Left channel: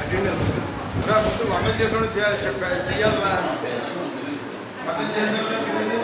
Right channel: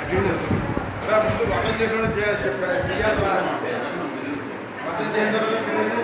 attendance ముందు వంట చేసిన చెప్పారు చేయాలి రా అంటే వంట చేసిన తర్వాత తినేది